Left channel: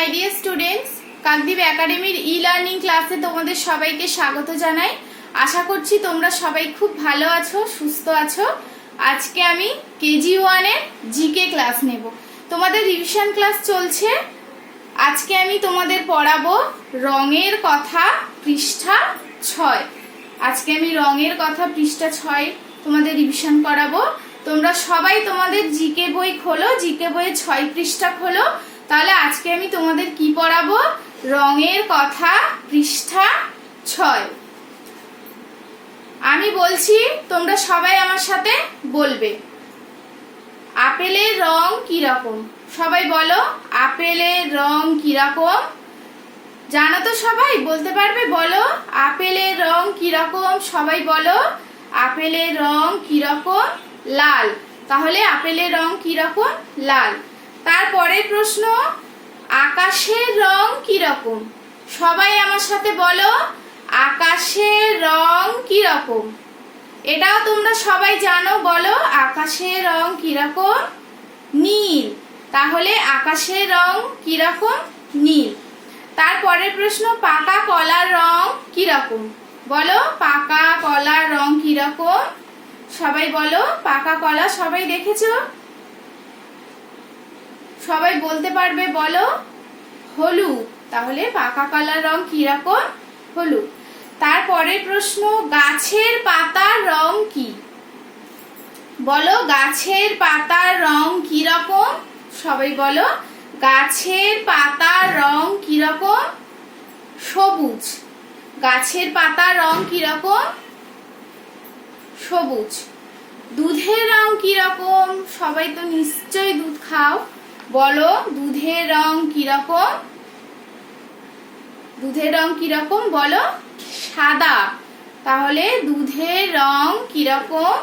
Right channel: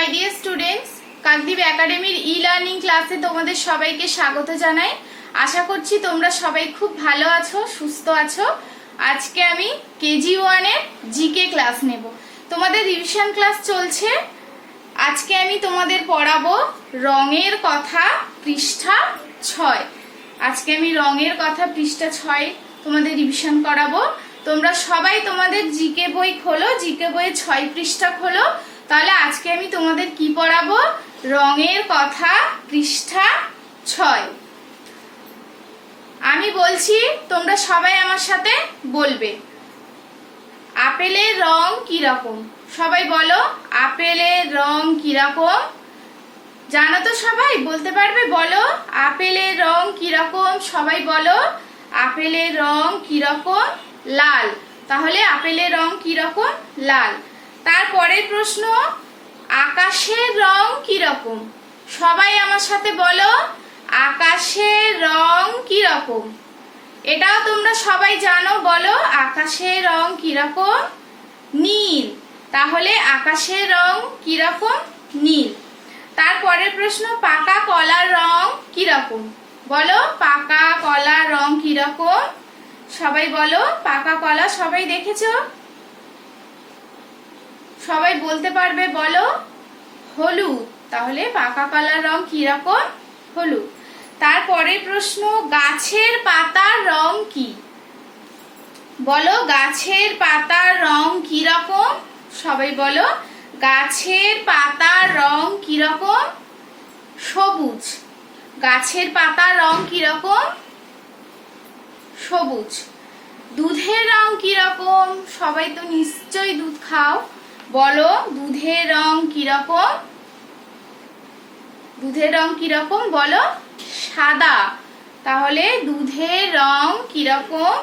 My dear students, Kakdwip একাডেমির e learning ক্লাসে তোমাদের সবাইকে স্বাগত জানাই। আশা করছি তোমরা সবাই খুব ভালো আছো, সুস্থ আছো। আজকে আমি কেজি 1 এর জিকে ক্লাস নেব। তোমাদের রিভিশন ক্লাস চলছে। আজকে আমি তোমাদের পড়াবো রঙের কথা পৃষ্ঠা 6। আজকে আমি রঙের কথা পৃষ্ঠা 6 তোমাদের রিভিশন করাবো। তোমরা সবাই তোমাদের জিকে বই খোলো, জিকে বইয়ের 6 পৃষ্ঠা খোলো। তাহলে আজকে আমি তোমাদের কি পড়াবো? রঙের কথা পৃষ্ঠা 6। আমি বলছি, তোমরা সবাই আমার সাথে বলবে। আপেলের রং কি রকম? সবাই বলো, আপেলের রং কি রকম? জানো তো সবাই? বলতে পারবে? বলো, আপেলের রং কি রকম? সবাই বলো, আপেলের রং কি রকম? লাল। তাহলে আপেলের রং কি রকম? লাল। তারপরের প্রশ্ন, আকাশের রং কি রকম? সবাই আমার সাথে বলো, আকাশের রং কি রকম? এটাও তোমরা সবাই জানো। বলো, আকাশের রং কি রকম? নীল। তাহলে আকাশের রং কি রকম? নীল। তারপরের প্রশ্ন, পাকা কলার রং কি রকম? বলো, পাকা কলার রং কি রকম? সবাই বলো, পাকা কলা সবাই দেখেছো? সবাই বলতে পারবে? বলো, হলুদ। তাহলে পাকা কলার রং কি রকম? হলুদ। তারপরের প্রশ্ন, গাছের পাতার রং কি? বলো, গাছের পাতার রং কি রকম? সবাই বলো, গাছের পাতার রং কি রকম? সবুজ। গাছের পাতার রং কি রকম? সবুজ। দুধের রং কি রকম? সবাই তো নিশ্চয়ই দুধ খাও। বলো, দুধের রং কি রকম? দুধের রং কি রকম? বলো, সাদা। তাহলে দুধের রং কি রকম?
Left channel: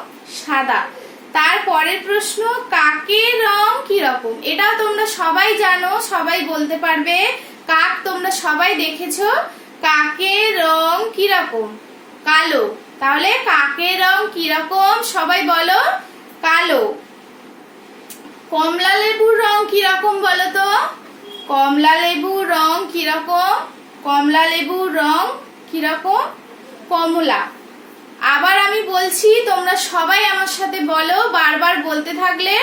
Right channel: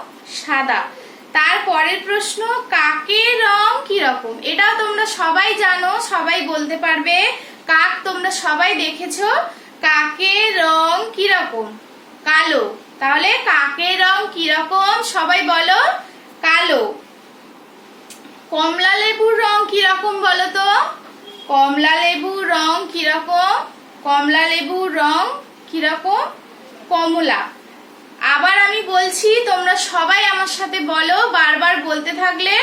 সাদা। তারপরের প্রশ্ন, কাকের রং কি রকম? এটা তোমরা সবাই জানো, সবাই বলতে পারবে। কাক তোমরা সবাই দেখেছো। কাকের রং কি রকম? কালো। তাহলে কাকের রং কি রকম? সবাই বলো, কালো। কমলা লেবুর রং কি রকম বলো তো? কমলা লেবুর রং কি রকম? কমলা লেবুর রং কি রকম? কমলা। আবার আমি বলছি, তোমরা সবাই আমার সাথে বলো। বারবার বলতে থাকলে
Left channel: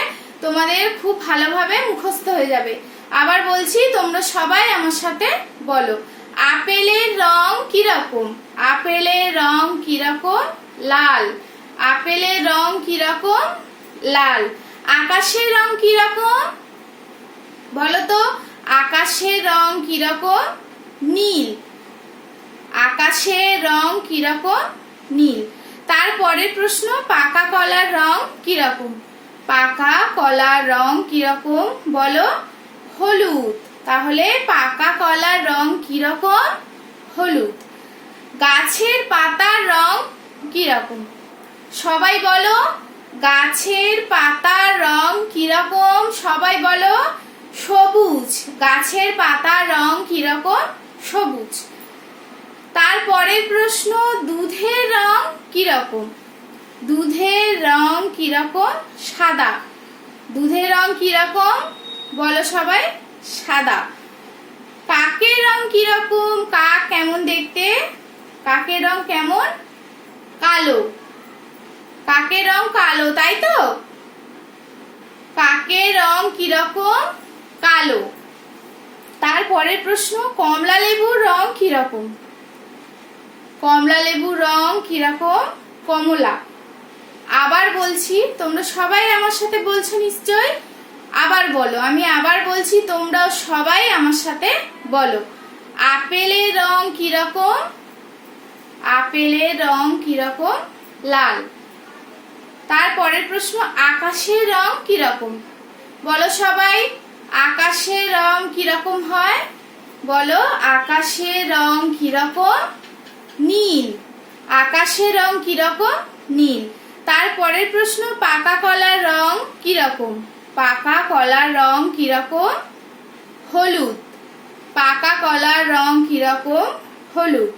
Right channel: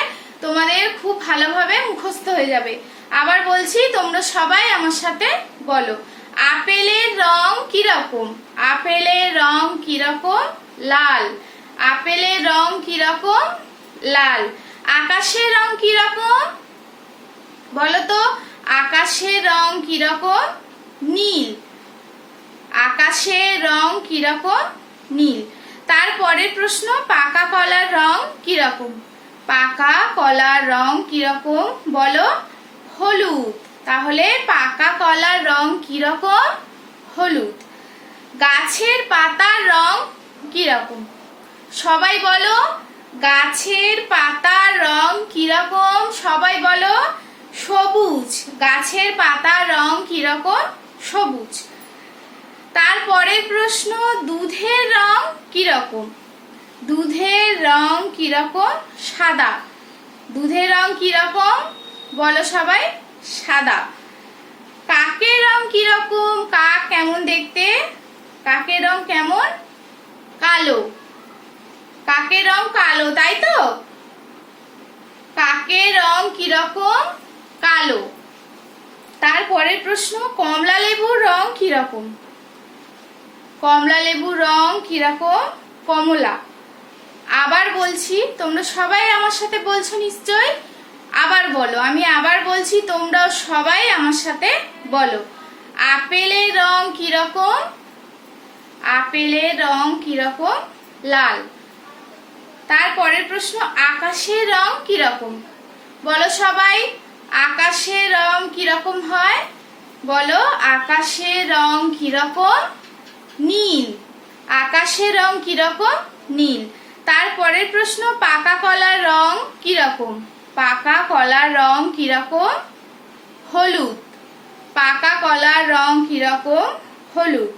তোমাদের খুব ভালোভাবে মুখস্থ হয়ে যাবে। আবার বলছি, তোমরা সবাই আমার সাথে বলো। আপেলের রং কি রকম? আপেলের রং কি রকম? লাল। আপেলের রং কি রকম? লাল। আকাশের রং কি রকম? বলো তো, আকাশের রং কি রকম? নীল। আকাশের রং কি রকম? নীল। তারপরের প্রশ্ন, পাকা কলার রং কি রকম? পাকা কলার রং কি রকম? বলো, হলুদ। তাহলে পাকা কলার রং কি রকম? হলুদ। গাছের পাতার রং কি রকম? সবাই বলো, গাছের পাতার রং কি রকম? সবাই বলো, সবুজ। গাছের পাতার রং কি রকম? সবুজ। তারপরের প্রশ্ন, দুধের রং কি রকম? দুধের রং কি রকম? সাদা। দুধের রং কি রকম? বলো সবাই, সাদা। কাকের রং কি রকম? কাক কেমন দেখতে? কাকের রং কেমন? কালো। কাকের রং কালো, তাই তো? কাকের রং কি রকম? কালো। তারপরের প্রশ্ন, কমলা লেবুর রং কি রকম? কমলা লেবুর রং কি রকম? কমলা। আবার বলছি, তোমরা সবাই আমার সাথে বলছো নিশ্চয়। আবার বলো, আমি আবার বলছি, তোমরাও সবাই আমার সাথে বলো। আপেলের রং কি রকম? আপেলের রং কি রকম? লাল। তারপরের প্রশ্ন, আকাশের রং কি রকম? বলো সবাই, আকাশের রং কি রকম হয়? বলো, আকাশের রং কি রকম? নীল। আকাশের রং কি রকম? নীল। তারপরের প্রশ্ন, পাকা কলার রং কি রকম? পাকা কলার রং কি রকম? হলুদ। পাকা কলার রং কি রকম? হলুদ।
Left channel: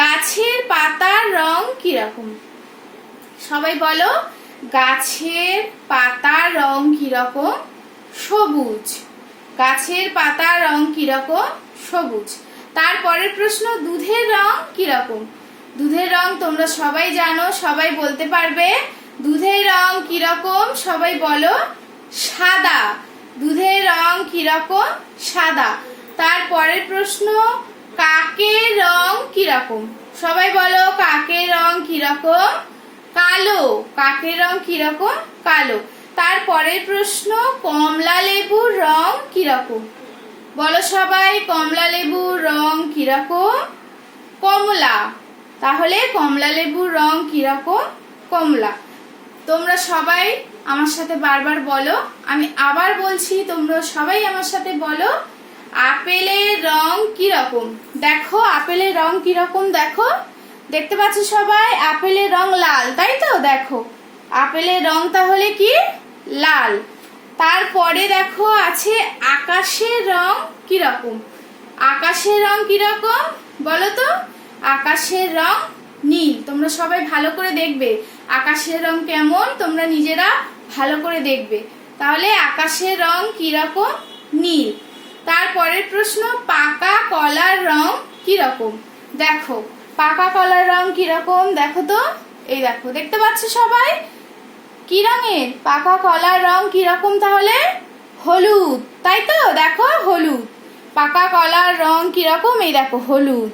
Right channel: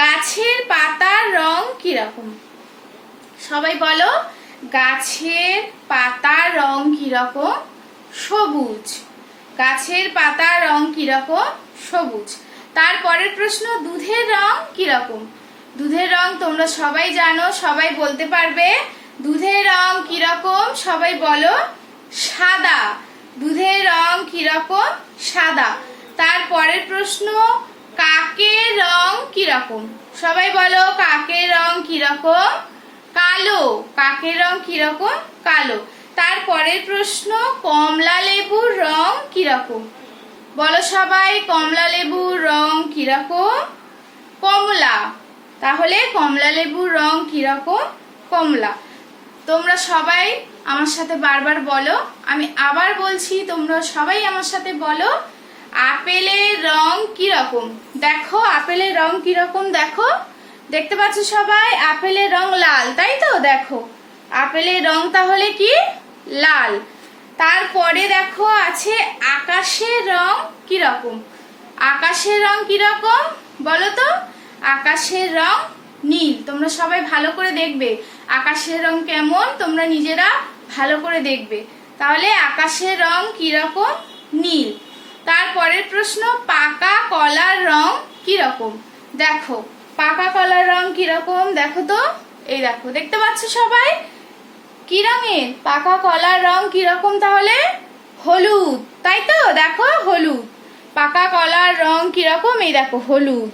গাছের পাতার রং কি রকম? সবাই বলো, গাছের পাতার রং কি রকম? সবুজ। গাছের পাতার রং কিরকম? সবুজ। তারপরের প্রশ্ন, দুধের রং কিরকম? দুধের রং তোমরা সবাই জানো, সবাই বলতে পারবে। দুধের রং কিরকম? সবাই বলো। সাদা। দুধের রং কিরকম? সাদা। তারপরের প্রশ্ন, কাকের রং কিরকম? সবাই বলো, কাকের রং কিরকম? কালো। কাকের রং কিরকম? কালো। তারপরের প্রশ্ন, কমলা লেবুর রং কিরকম? বলো সবাই, কমলা লেবুর রং কিরকম? কমলা। তাহলে কমলা লেবুর রং কিরকম? কমলা। তোমরা সবাই আমার সাথে বারবার বলো, আমি আবার বলছি, তোমরা সবাই আমার সাথে বলো, আপেলের রং কিরকম? দেখো আপেলের রং কিরকম, দেখো, দেখতে পাচ্ছ সবাই? আপেলের রং লাল, তাই তো? দেখো আপেলের রং তাহলে কি? লাল। তারপরে দেখো আছে আকাশের রং কিরকম? আকাশের রং কিরকম বলো তো? আকাশের রং নীল। তোমরা সবাই ভালো করে দেখবে আকাশের রং কেমন, তোমরা নিজেরা ভালো করে দেখবে। তাহলে আকাশের রং কিরকম? নীল। তারপরের প্রশ্ন, পাকা কলার রং কিরকম? দেখো পাকা কলার রং কিরকম, দেখো তো, এই দেখো, দেখতে পাচ্ছ সবাই? কি রঙের? পাকা কলার রং কিরকম তাহলে? হলুদ, তাই তো? দেখো হলুদ। পাকা কলার রং কিরকম? এই দেখো হলুদ।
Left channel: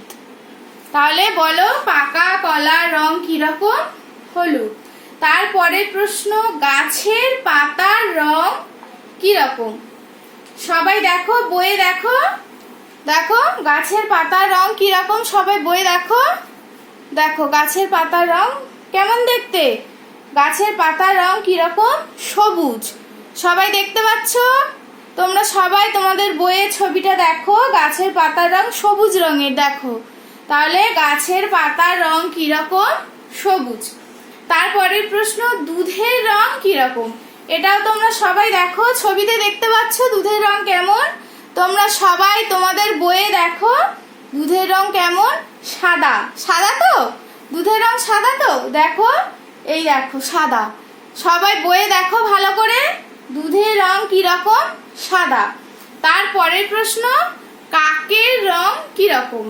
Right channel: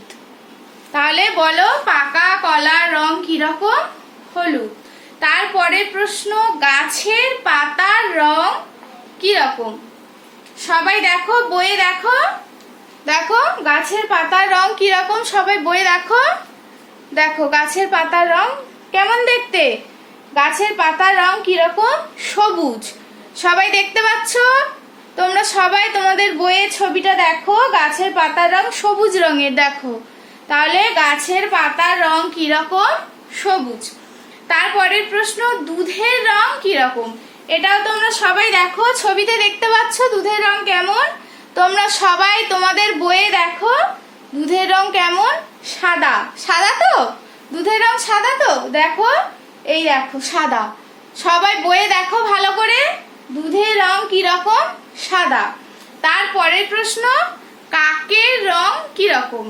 তাহলে বলো পাকা কলার রং কিরকম? হলুদ। তারপরে প্রশ্ন, গাছের পাতার রং কিরকম? সবাই দেখো বইয়ে দেখো, দেখো গাছের পাতার রং কিরকম, সবাই বইয়ে দেখো। দেখো গাছের পাতার রং কেমন দেখতে? গাছের পাতার রং কিরকম? সবুজ। সবাই দেখতে পাচ্ছ? তোমরা সবাই তোমাদের বইয়ের ছবিটা দেখো, গাছের পাতার রং সবুজ রঙের, দেখো। তাহলে গাছের পাতার রং কিরকম? সবুজ। তারপরের প্রশ্ন, দুধের রং কিরকম? এটাও তোমরা সবাই দেখো, ছবিতে দেখতে পাচ্ছ দুধের রং কেমন? তোমরা সবাই তোমাদের বইয়ে দেখো দুধের রং কেমন? সাদা। সাদা তো? দুধের রং সাদা তো? দেখো, এই দেখো সাদা। সবাই বইয়ে দেখো ভালো করে, দুধের রং কিরকম? সাদা। তারপরের প্রশ্ন, কাকের রং কিরকম?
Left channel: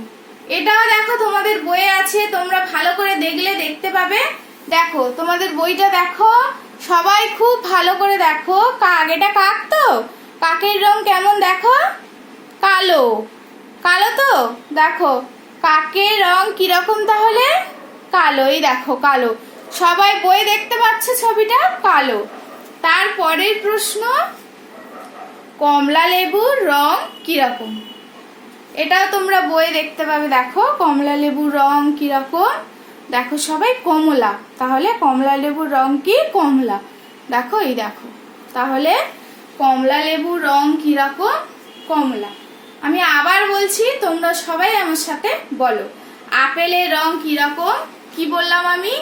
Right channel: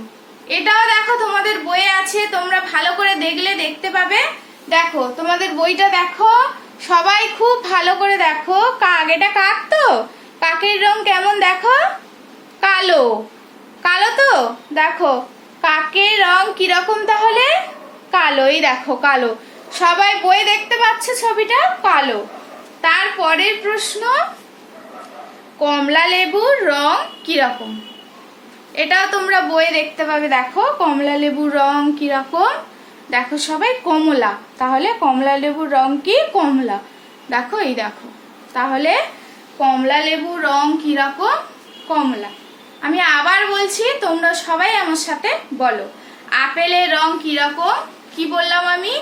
এটাও দেখো তোমাদের বইয়ে আছে, তোমরা ভালো করে দেখলে দেখতে পাবে। দেখো তোমাদের বইটা দেখো, সবাই খুব ভালো করে দেখো। কাক, এটা কাক তো? কাকের রং কেমন দেখো? কালো। কালো তো? দেখো কাকের রং কিরকম তাহলে? কালোই, দেখো কালো। সবাই বই দেখতে পাচ্ছ ছবিটা? কালো। তারপরের প্রশ্ন, কমলা লেবুর রং কিরকম? এটাও তোমরা বইয়ে দেখতে পাবে, দেখো কমলা লেবুর রং কিরকম? দেখো সবাই কমলা। তাহলে কমলা লেবুর রং কি? কমলা। দেখো, এই দেখো। তাহলে কমলা লেবুর রং কিরকম? কমলা। আমি আবার বলছি, তোমরা সবাই আমার সাথে বলো, আপেলের রং কিরকম? কি বললাম আমি?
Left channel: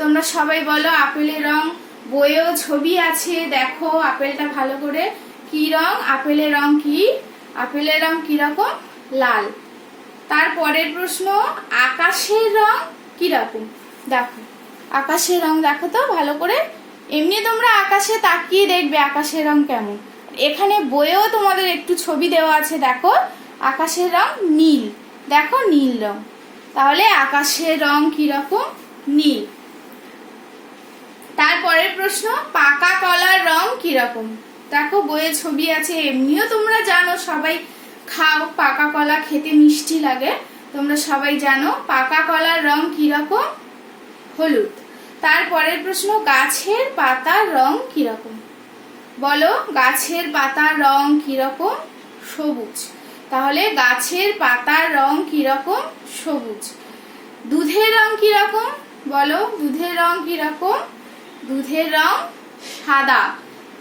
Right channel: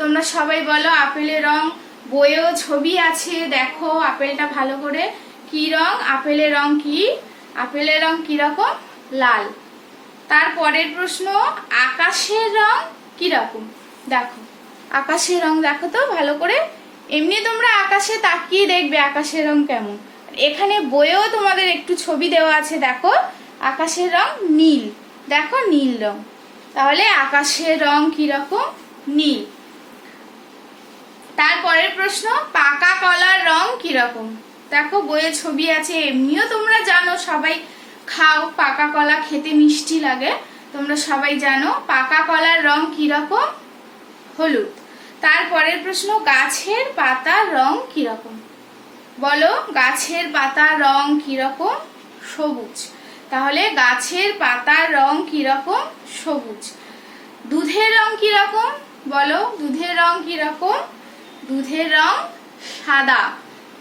তোমরা সবাই বলো আপেলের রং। বইয়েও ছবি আছে, দেখো আপেলটা ভালো করে। কি রং? আপেলের রং কি? আপেলের রং কিরকম? লাল। তারপরের প্রশ্ন, আকাশের রং কিরকম? দেখো আকাশের রং দেখো তো ভালো করে। এমনি তোমরা আকাশে তাকিয়ে দেখবে আকাশের রং কেমন। এখানে বইয়েও তোমাদের একটু ছবি দেওয়া আছে, দেখো আকাশের রং নীল। দেখো নীল রং। তাহলে আকাশের রং কিরকম? নীল। তারপরের প্রশ্ন, পাকা কলার রং কিরকম? দেখো বইয়ে ছবি আছে, এমনিও তোমরা জানো, সবাই খাও, পাকা কলা খেতে মিষ্টি লাগে, তোমরা সবাই জানো। পাকা কলার রং কিরকম? হলুদ। তারপরের প্রশ্ন, গাছের পাতার রং কিরকম? বলো গাছের পাতার রং কিরকম? সবুজ। তাহলে গাছের পাতার রং কিরকম? সবুজ। দুধের রং কিরকম? বলো দুধের রং কিরকম? দুধের রং সাদা।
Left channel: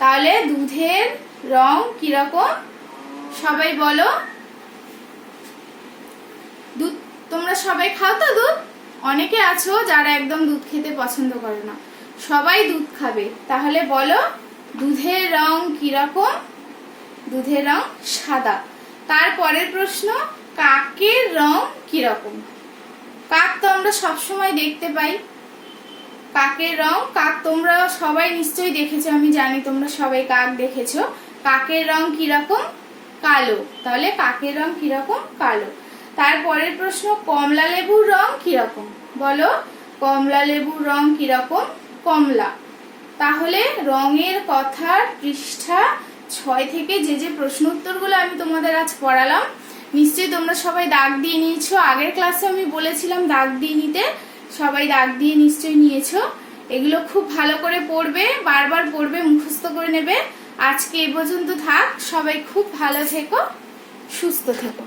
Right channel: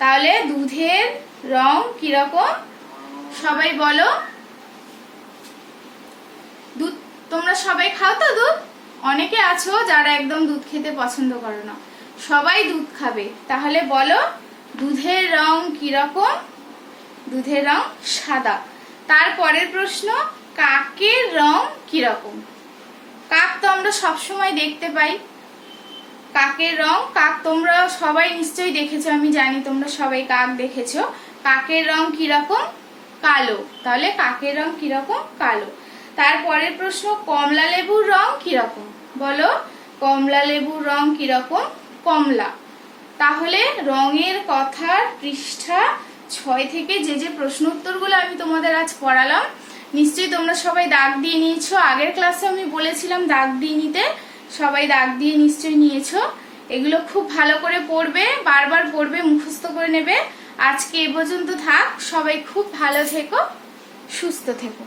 তাহলে দুধের রং কিরকম? সবাই বলো। দুধ তোমরা সবাই খাও তো দুধ? অনেকে আছো যারা একদম দুধ খেতে পছন্দ করো না, সবাই দুধ খাবে। তাহলে বলো দুধের রং কিরকম? দুধের রং সাদা। তারপরের প্রশ্ন, কাকের রং কিরকম? কাক তো আমরা সবসময় দেখতে পাই। কাকের রং, কাক তোমরা সবাই নিশ্চয়ই দেখেছো, আমি জানি তোমরা সবাই কাক দেখেছো। কাকের রং কিরকম? কালো। তাহলে কাকের রং কিরকম? কালো। তারপরের প্রশ্ন, কমলা লেবুর রং কিরকম? বলো, কমলা লেবুর রং কিরকম? কমলা। তাহলে রঙের কথার পৃষ্ঠা 6 থেকে যে যে প্রশ্ন উত্তরগুলো আমি তোমাদের আজ পড়ালাম, নিশ্চয়ই তোমরা সবাই দাগ দিয়ে নিয়েছো। আগের ক্লাসে আমি বলেছিলাম দাগ দিয়ে নিতে, সবাই দাগ দিয়ে নিশ্চয়ই নিয়েছো। এগুলো খুব ভালো করে পড়বে, বারবার পড়বে, মুখস্থ করে নেবে। আজকে এ পর্যন্ত থাক। সবাই খুব ভালো থেকো, সুস্থ থেকো।